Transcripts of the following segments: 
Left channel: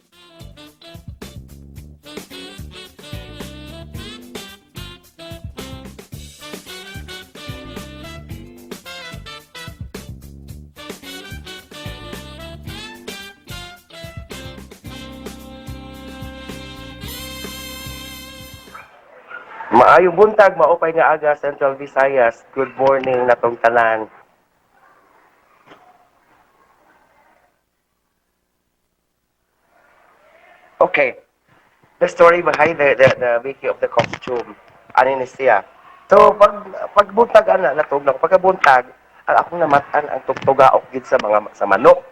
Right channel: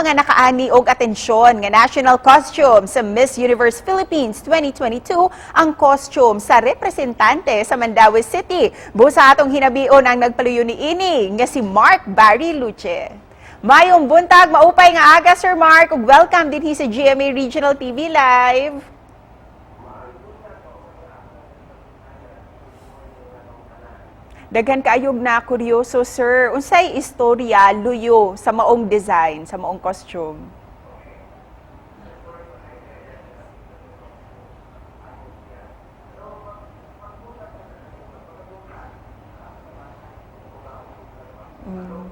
mga nakaani og atensyon nga national costume sa Miss Universe Philippines 2022 ang costume sa representante sa Mandaue City. Busa atong hinabion ang nagpaluyo ni ini nga si Mark Barry Luce. Mayong buntag, maupay nga aga Sir Mark, ug welcome dinhi sa GMA Regional TV Live. Maayong buntag, maupay nga aga Central Visayas. Good morning natong tanan. Daghan kaayog na kuryoso, sir. Unsay istorya luyo sa maong design, sa maong costume? Okay, the story behind the making of the costume. Ano ni siya? So, pagbuntag natog na pagkabuntag, ang akong namatan ang tugtugaok gid sa manok.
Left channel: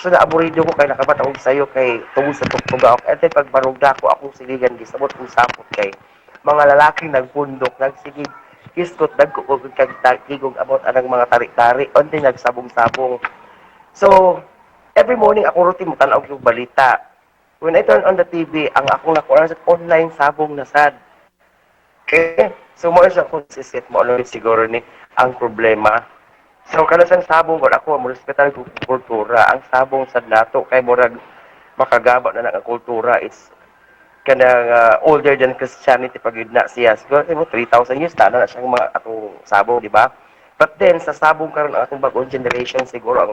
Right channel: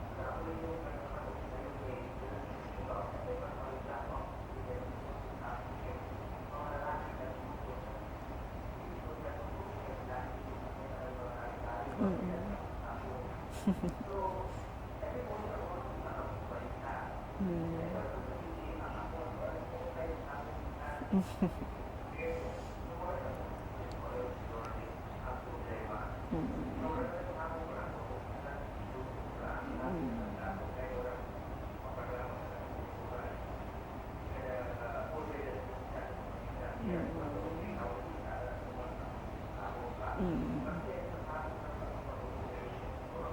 So naaburido ko kay nakabat akong sayo kay tungod sa tugtugaok. And then pagbarugda ko akong siligan gisabot kong sapot kay mga lalaking nagpundok, nagsigig, iskot, nagkukog, kagigog about anang mga tarik-tarik, o din nagsabong-sabong. So, every morning ako routine mo tanaw yung balita. When I turn on the TV, ang akong nakuha sa online sabong na sad. Okay? So, mo siya kung sisit mo, ano siguro ni ang problema. So, kanasang sabong ko, ako, mo respetan ko kultura. Ang sabong sa nato, kay murag makagaba na ng kultura, it's kanang older than Christianity pag yun na siya. Siguro, 3,000 years, tana na siyang mga atong sabong, di ba? But then, sa sabong karon ang atong bagong generation, siguro ang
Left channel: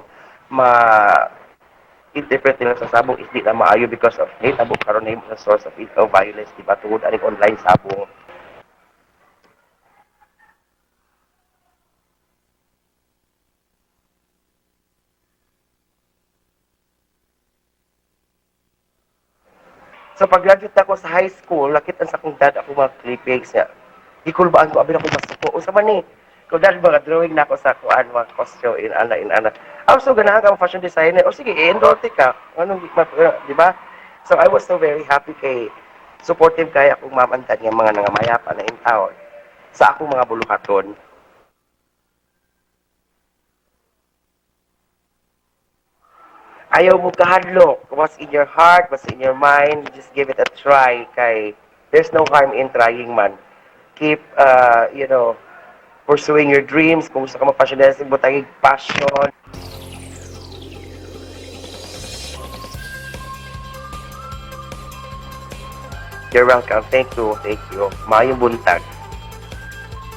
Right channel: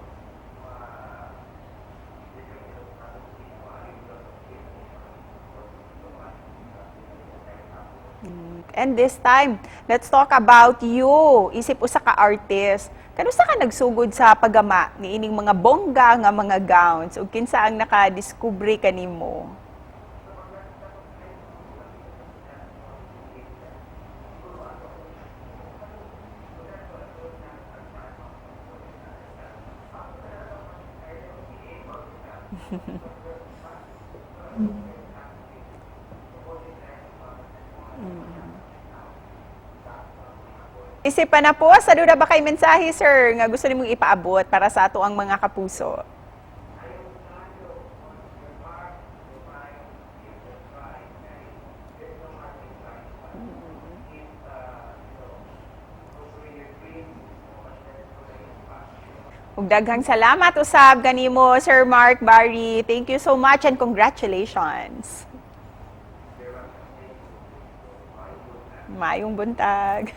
ma-interpret nila sa sabong is di na maayo because of natabo karon na yung source of violence, di ba? Tungod aning online sabong. And this time, let's talk about you. Isip usa ka artist. Kanusa ka nagsugod sa pagama ni ining mga bongga nga mga gowns ug kinsa ang nakadiskubre kanimo? So pag-graduate ako sa high school, lakitan sa kong dad ako mga clippings niya. Ikulbaan ko, abin ako masuko. O sa man ni, kung dad mga drawing na ako sa kuan, mga costume, in-ana. So ganahan ka fashion designer. O sige, i-endorte ka. Anong, di ba? So I was so very happy kay supportive kaya akong mamantan ng mga nangamayapa na in town sa akong mga bulukaton. Isipan na po, sa duda ba kay mensahe, sir, nga gusto nimong ipaabot para sa ato ang mga kapuso? Ayaw mo kahadlok. What's in your heart, what's in your mind, just give it a try. Kay there's no harm in trying man. Keep, pursuing your dreams. Kung gusto ka mag-passionate, butangig passion. Ug daghang salamat usab kanimo, Sir Mark Barry. Thank you so much and congratulations. You're welcome. Thank you. Mayong buntag. Mayong buntag.